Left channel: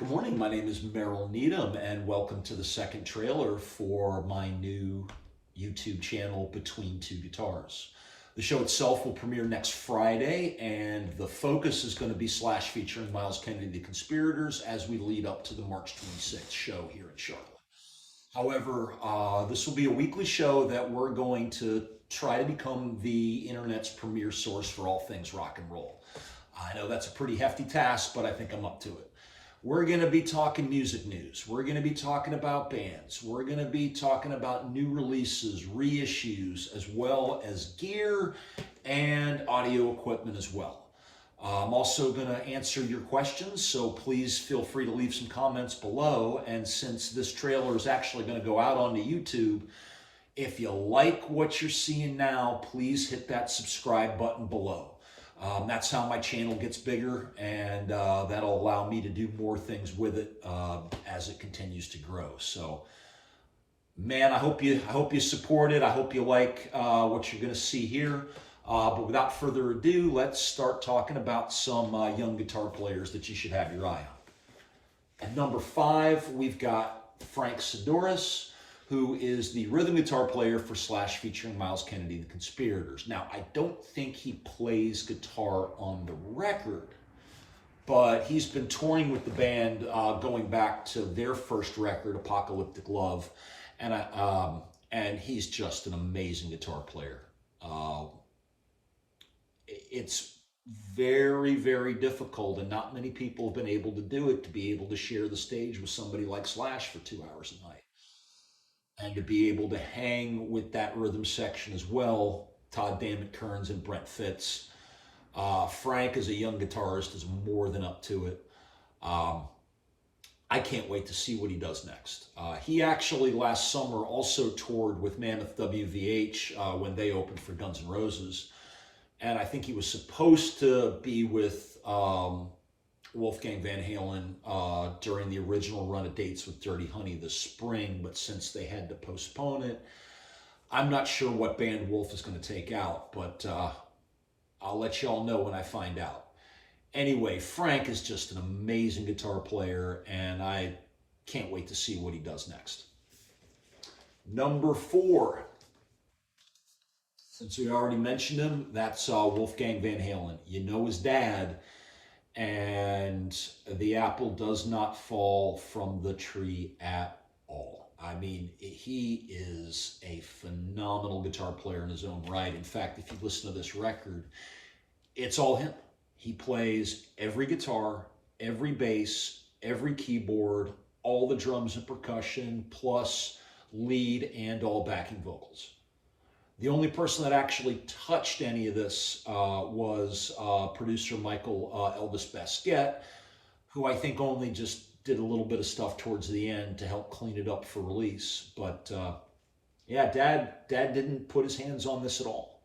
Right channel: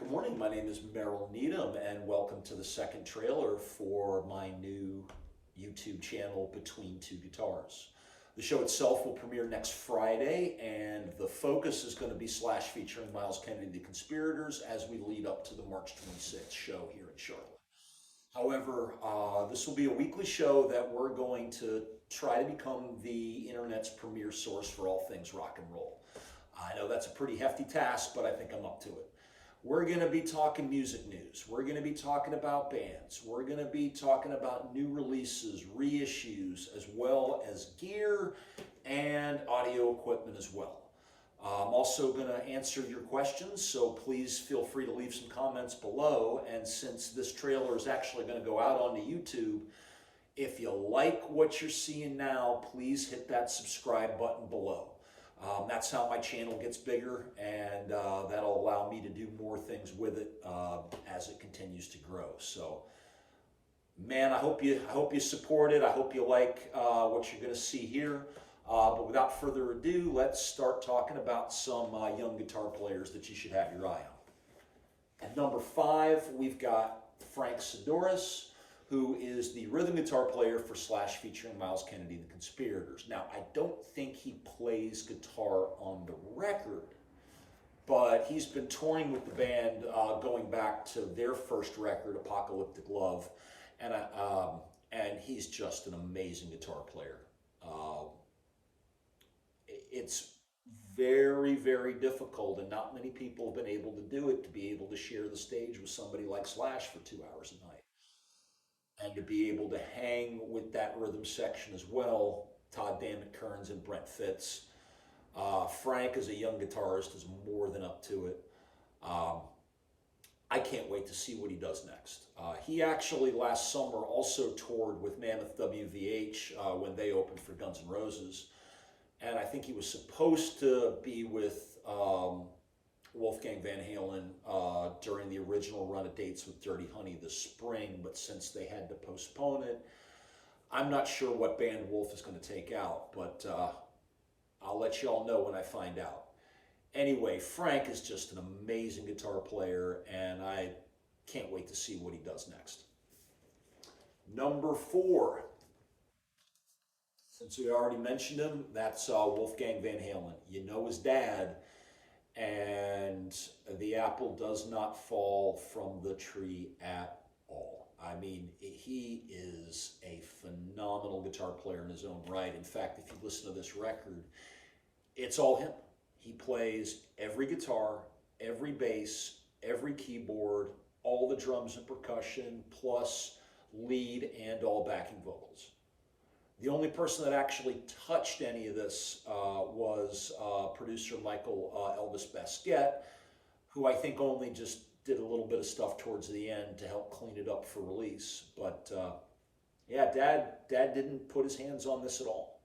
Good morning. My name is Merrill Needham, and welcome to the second trailer for my new YouTube channel, Between Two Guitars. The show itself will premiere next Friday, and the focus is going to be Slash featuring Myles Kennedy, The Conspirators, as we lead up to the March 26th show here in Charlotte. However, this will be a weekly show that we're going to try to become the internet's premier source for all things rock and roll. I know that's a pretty hefty task, but I think I'm up to it. We're going to be talking music news. We're going to be talking about bands. We're going to be talking about new releases, reissues, as well as gear and audio equipment as well. I'm also going to answer your questions, so please feel free to leave some comments below. And since this trailer is actually going to go out onto YouTube, if you like what you're seeing now, please hit that subscribe button below. That's how my channel gets bigger, and that'll allow me to do more things with it as it continues to grow. So, man, I hope you support it. I hope you like what you're going to see here. But without further ado, let's start talking about some young guitar players that you should have your eye on. At number 5, we've got Frank Serraos, who is the rhythm guitar player for Slash featuring Myles Kennedy, The Conspirators. Now, I don't think he plays guitar on the record, but he's been touring with the band going back to their first record, Apocalyptic Love, and he's just an amazing guitar player. It's very, very difficult, and not many people have been able to do it, to be able to share the stage with somebody like Slash for 2 hours a night. And to be able to hang with that rhythm section as well, Todd Dammit Kearns and Brent Fitz. Frank, as a young guitarist, is more than up to it. I can't wait to see what he does next. He actually last summer also toured with Mammoth WVH when they opened for Guns N' Roses. And I think he was supposed to be with Wolfgang Van Halen during the original run of dates with Dirty Honey this spring, but since they had to postpone it, I'm not sure what band Wolf is going to take out, but I'll let y'all know when I find out. Anyway, Frank is just an amazing guitar player, and I can't wait to see what he does next. Number 4. Since we already mentioned him, that's Wolfgang Van Halen. You know his dad, and the apple does not fall from the tree at all. I mean, he is a phenomenal guitar player in his own right. In fact, if you listen to this record, it's all him. He plays every guitar, every bass, every keyboard, all the drums and percussion, plus lead and all backing vocals. The only person that actually touched any of this was producer Michael Elvis Basquette, who I think only just did a little bit of stuff towards the end to help clean it up for release. But yeah, Dad didn't put his hands on this at all.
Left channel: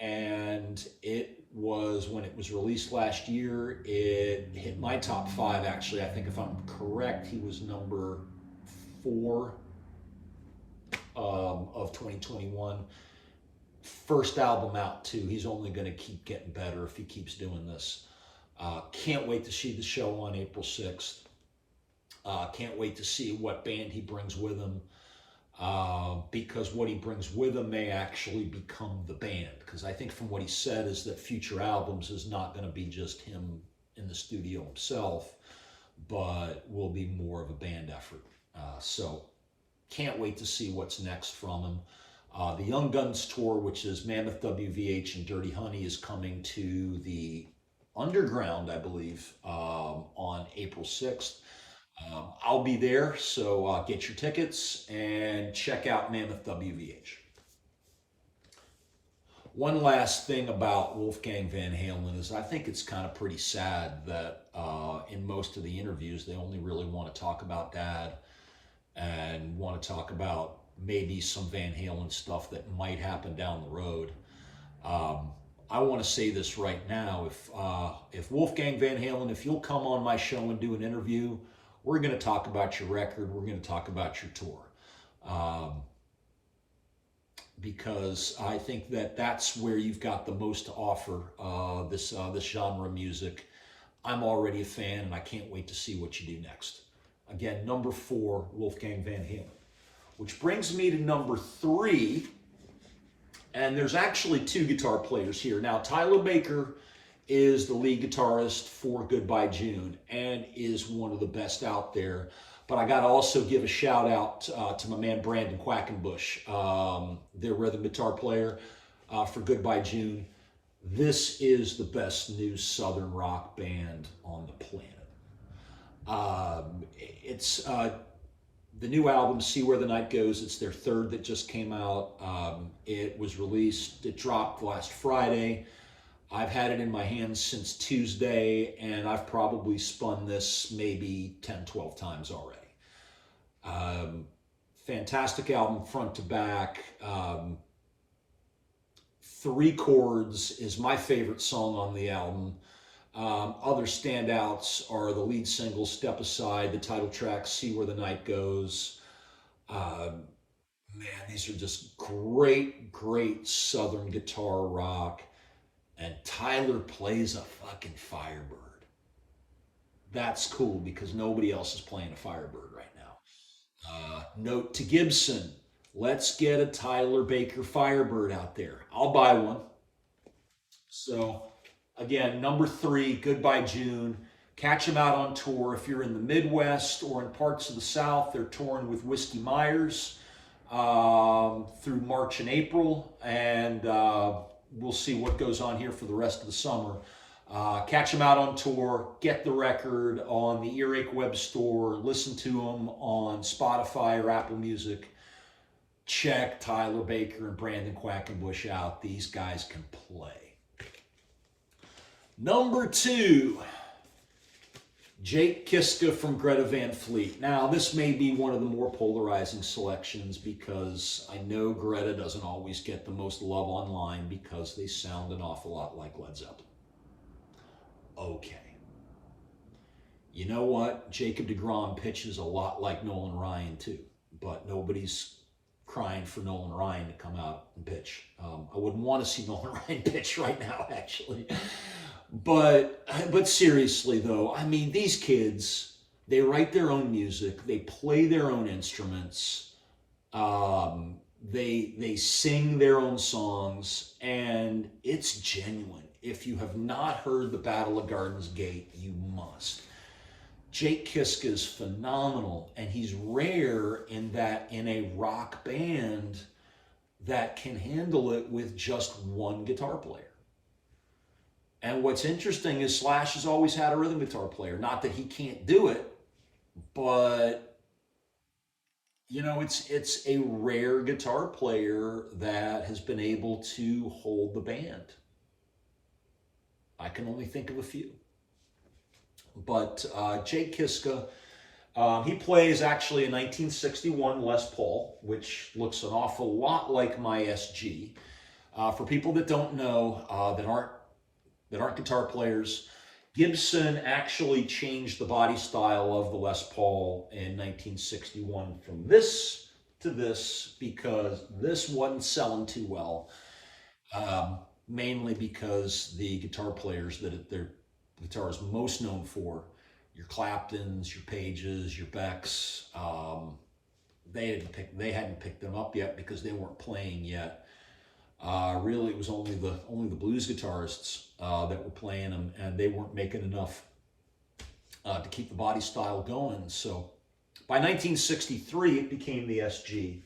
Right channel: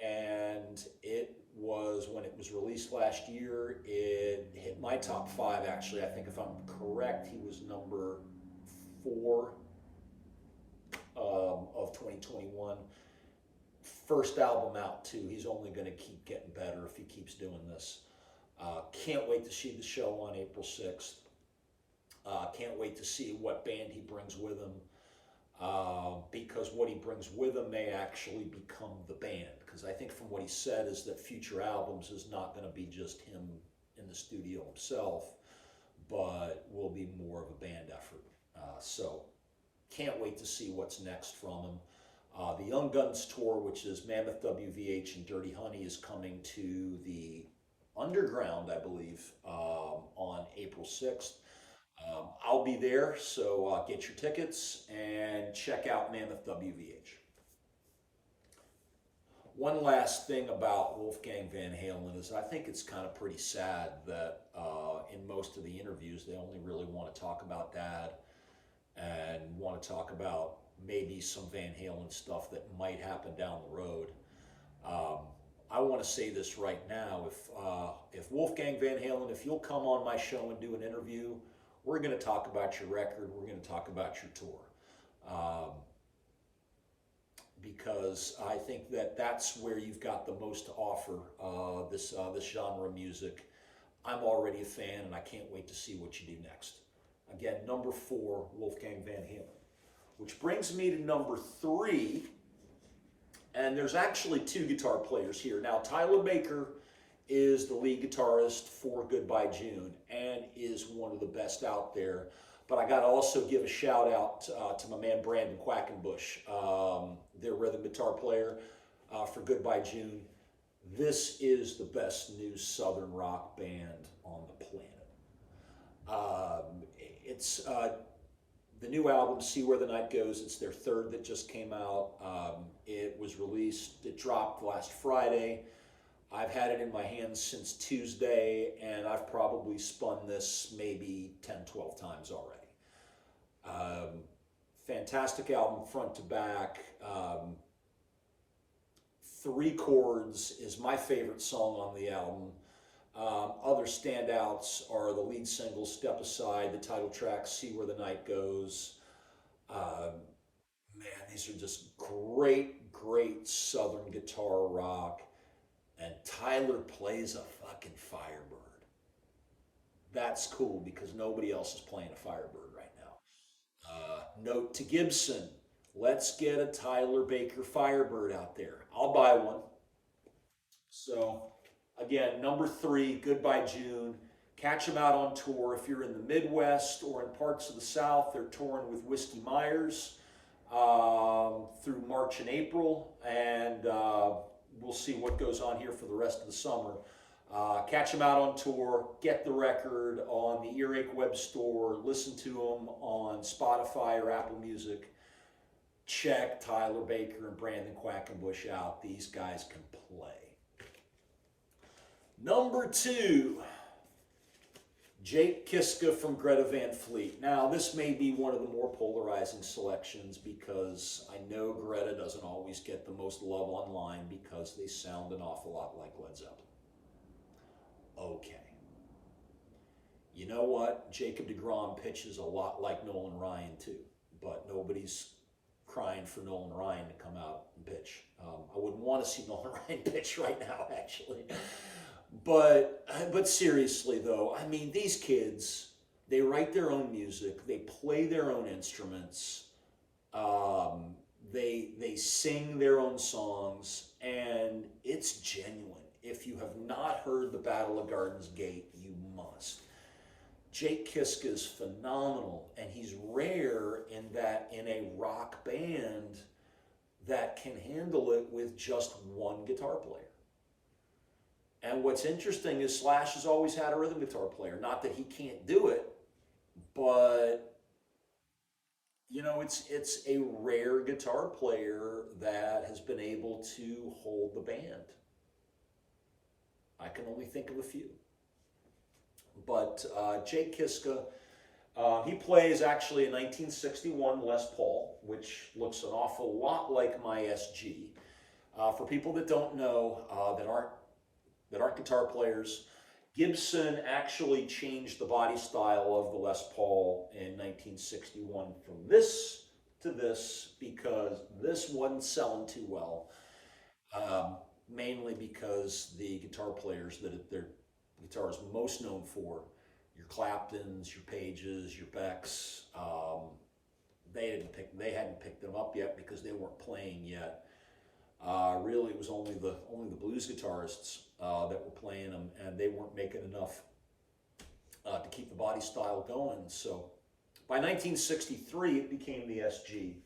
And it was, when it was released last year, it hit my top 5, actually. I think if I'm correct, he was number 4 of 2021. First album out too. He's only going to keep getting better if he keeps doing this. Can't wait to see the show on April 6th. Can't wait to see what band he brings with him, because what he brings with him may actually become the band. Because I think from what he said is that future albums is not going to be just him in the studio himself, but will be more of a band effort. So can't wait to see what's next from him. The Young Guns tour, which is Mammoth WVH and Dirty Honey, is coming to the Underground, I believe, on April 6th. I'll be there, so get your tickets and check out Mammoth WVH. One last thing about Wolfgang Van Halen is I think it's kind of pretty sad that in most of the interviews they only really want to talk about Dad and want to talk about maybe some Van Halen stuff that might happen down the road. I want to say this right now. If Wolfgang Van Halen, if you'll come on my show and do an interview, we're going to talk about your record. We're going to talk about your tour. Because I think that that's where you've got the most to offer, this genre of music. I'm already a fan, and I can't wait to see what you do next. Again, number 4, Wolfgang Van Halen. Which brings me to number 3, and there's actually 2 guitar players here. Now, Tyler Baker is the lead guitarist for Goodbye June and is one of the best out there. But I got to also give a shout out to my man Brandon Quackenbush, their rhythm guitar player for Goodbye June. This is the best new Southern rock band on the planet. It's the new album, See Where the Night Goes. It's their 3rd that just came out. It was released, it dropped last Friday. I've had it in my hands since Tuesday, and I've probably spun this maybe 10, 12 times already. Fantastic album front to back. 3 Chords is my favorite song on the album. Other standouts are the lead single, Step Aside, the title track, See Where the Night Goes. Man, these are just great, great Southern guitar rock. And Tyler plays a fucking Firebird. That's cool because nobody else is playing a Firebird right now. Note to Gibson, let's get a Tyler Baker Firebird out there. I'll buy one. So, again, number 3, Goodbye June. Catch them out on tour. If you're in the Midwest or in parts of the South, they're touring with Whiskey Myers through March and April. And we'll see what goes on here for the rest of the summer. Catch them out on tour. Get the record on the Earache web store. Listen to them on Spotify or Apple Music. Check Tyler Baker and Brandon Quackenbush out. These guys can play. Number 2, Jake Kiska from Greta Van Fleet. Now, this may be one of the more polarizing selections because I know Greta doesn't always get the most love online because they sound an awful lot like Led Zeppelin. Okay. You know what? Jacob deGrom pitches a lot like Nolan Ryan too, but nobody's crying for Nolan Ryan to come out and pitch. I wouldn't want to see Nolan Ryan pitch right now, actually. But seriously though, I mean, these kids, they write their own music, they play their own instruments, they sing their own songs, and it's genuine. If you have not heard The Battle of Gardens Gate, you must. Jake Kiska is phenomenal, and he's rare in that in a rock band that can handle it with just one guitar player. And what's interesting is Slash has always had a rhythm guitar player. Not that he can't do it, but you know, it's a rare guitar player that has been able to hold the band. I can only think of a few. But Jake Kiska, he plays actually a 1961 Les Paul, which looks an awful lot like my SG. For people that don't know, that aren't guitar players, Gibson actually changed the body style of the Les Paul in 1961 from this to this because this wasn't selling too well. Mainly because the guitar players that their guitar is most known for, your Claptons, your Pages, your Becks, they hadn't picked them up yet because they weren't playing yet. Really, it was only the blues guitarists that were playing them, and they weren't making enough to keep the body style going. So by 1963, it became the SG.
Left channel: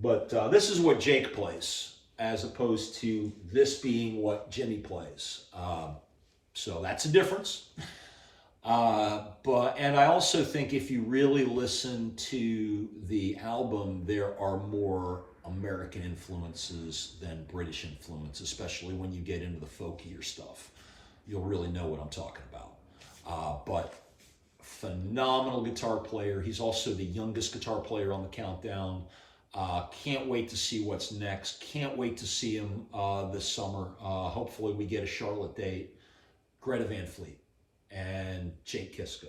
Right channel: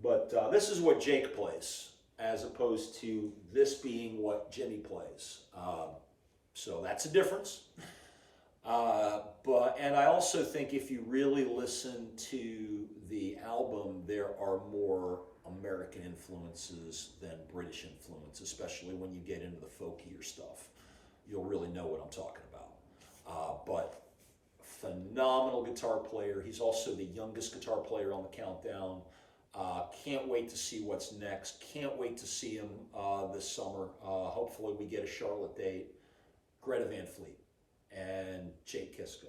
But this is what Jake plays, as opposed to this being what Jimmy plays. So that's a difference. And I also think if you really listen to the album, there are more American influences than British influence, especially when you get into the folkier stuff. You'll really know what I'm talking about. But phenomenal guitar player. He's also the youngest guitar player on the countdown. Can't wait to see what's next. Can't wait to see him this summer. Hopefully we get a Charlotte date. Greta Van Fleet and Jake Kiska,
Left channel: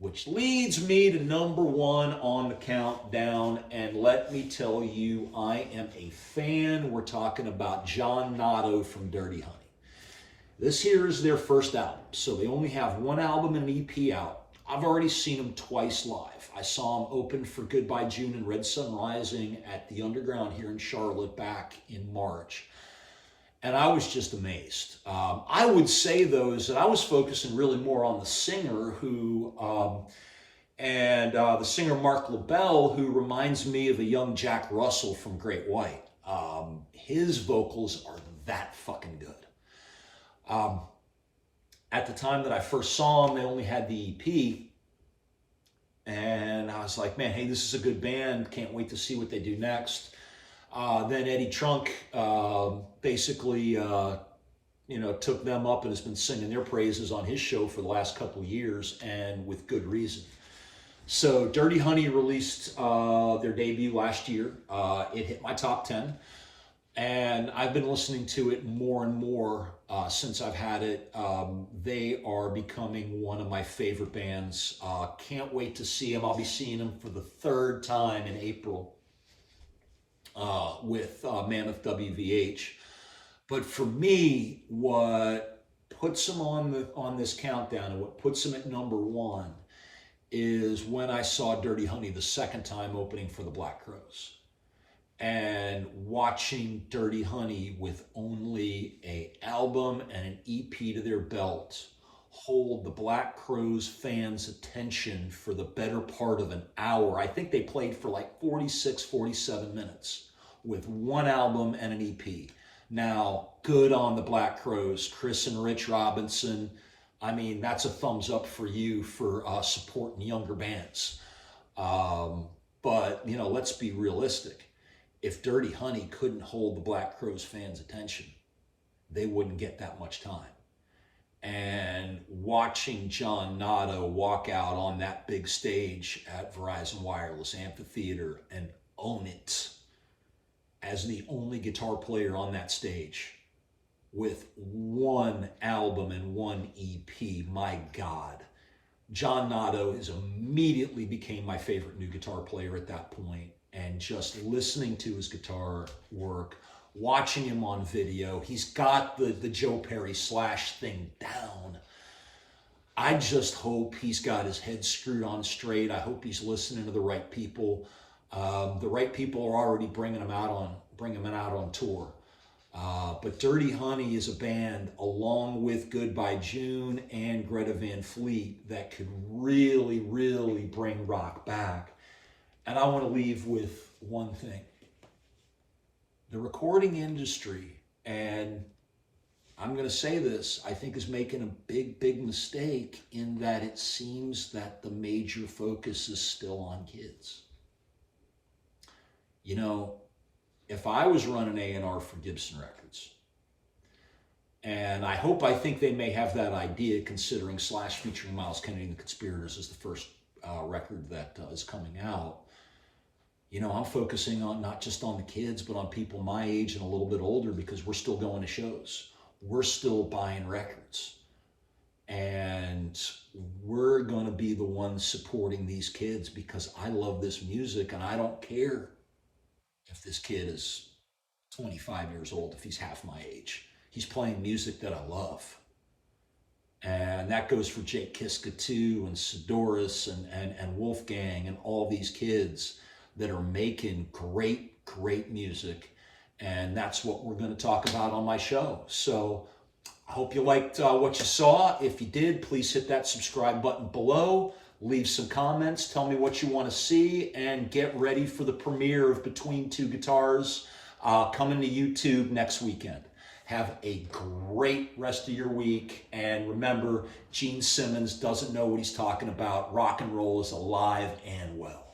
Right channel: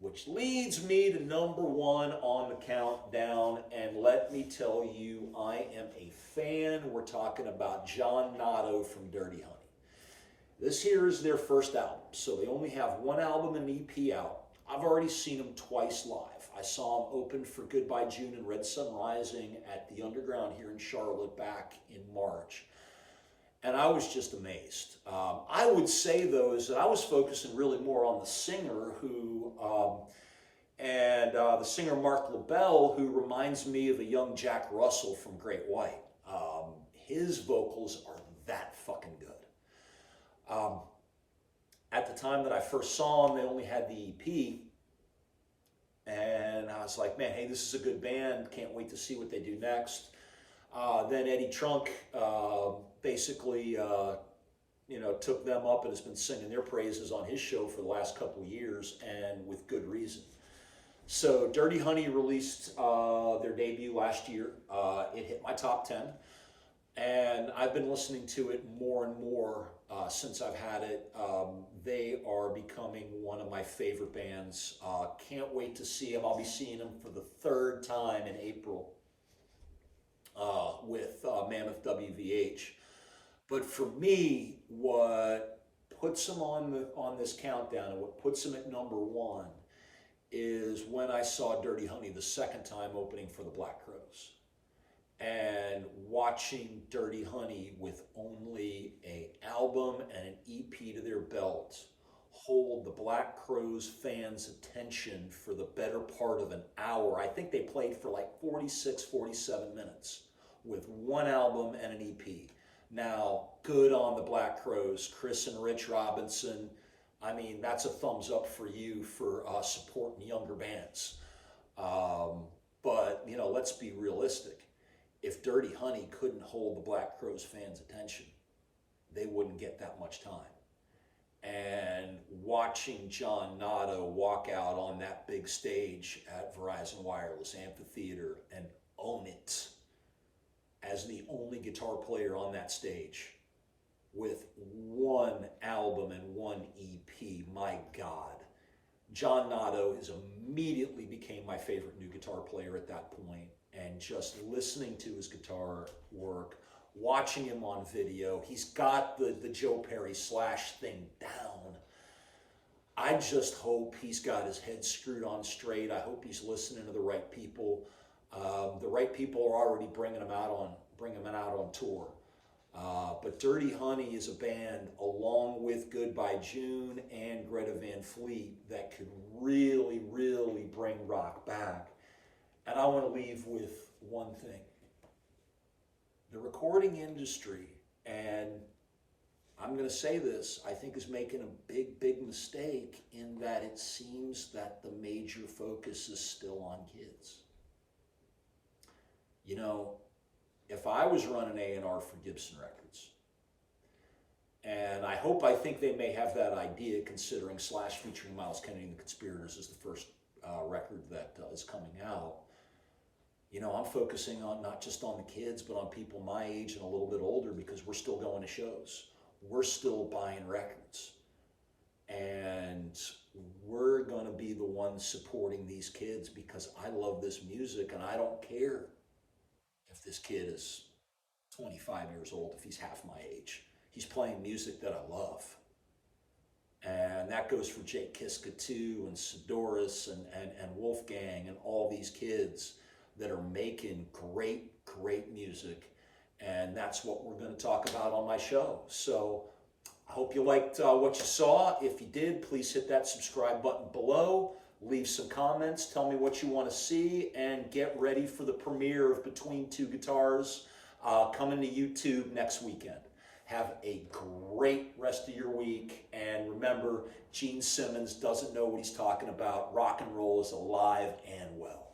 which leads me to number 1 on the countdown. And let me tell you, I am a fan. We're talking about John Notto from Dirty Honey. This here is their first album, so they only have one album and an EP out. I've already seen them twice live. I saw them open for Goodbye June and Red Sun Rising at the Underground here in Charlotte back in March. And I was just amazed. I would say, though, is that I was focusing really more on the singer the singer Mark LaBelle, who reminds me of a young Jack Russell from Great White. His vocals are that fucking good. At the time that I first saw them, they only had the EP, and I was like, man, hey, this is a good band. Can't wait to see what they do next. Then Eddie Trunk basically, took them up and has been singing their praises on his show for the last couple of years, and with good reason. So Dirty Honey released their debut last year. It hit my top 10. And I've been listening to it more and more since I've had it. They are becoming one of my favorite bands. Can't wait to see them. I'll be seeing them for the third time in April with Mammoth WVH. But for me, what puts them on this countdown and what puts them at number one is when I saw Dirty Honey the second time opening for the Black Crowes. And watching Dirty Honey with only an album and an EP to their belt hold the Black Crowes fans' attention for the better part of an hour. I think they played for like 46, 47 minutes with one album and an EP. Now, good on the Black Crowes, Chris and Rich Robinson. I mean, that's a thumbs up for you for supporting younger bands. But, let's be realistic. If Dirty Honey couldn't hold the Black Crowes fans' attention, they wouldn't get that much time. And watching John Nato walk out on that big stage at Verizon Wireless Amphitheater and own it as the only guitar player on that stage with one album and one EP, my God. John Nato immediately became my favorite new guitar player at that point. And just listening to his guitar work, watching him on video, he's got the Joe Perry Slash thing down. I just hope he's got his head screwed on straight. I hope he's listening to the right people. The right people are already bringing him out on tour. But Dirty Honey is a band, along with Goodbye June and Greta Van Fleet, that could really, really bring rock back. And I want to leave with one thing. The recording industry, and I'm going to say this, I think is making a big, big mistake in that it seems that the major focus is still on kids. If I was running A&R for Gibson Records, and I think they may have that idea considering Slash featuring Miles Kennedy and the Conspirators is the first record that is coming out. I'm focusing on not just on the kids, but on people my age and a little bit older, because we're still going to shows. We're still buying records. And we're going to be the ones supporting these kids because I love this music, and I don't care if this kid is 25 years old, if he's half my age. He's playing music that I love. And that goes for Jake Kiska too, and Serraos and Wolfgang and all these kids that are making great, great music. And that's what we're going to talk about on my show. So I hope you liked what you saw. If you did, please hit that subscribe button below. Leave some comments. Tell me what you want to see. And get ready for the premiere of Between Two Guitars coming to YouTube next weekend. Have a great rest of your week. And remember, Gene Simmons doesn't know what he's talking about. Rock and roll is alive and well.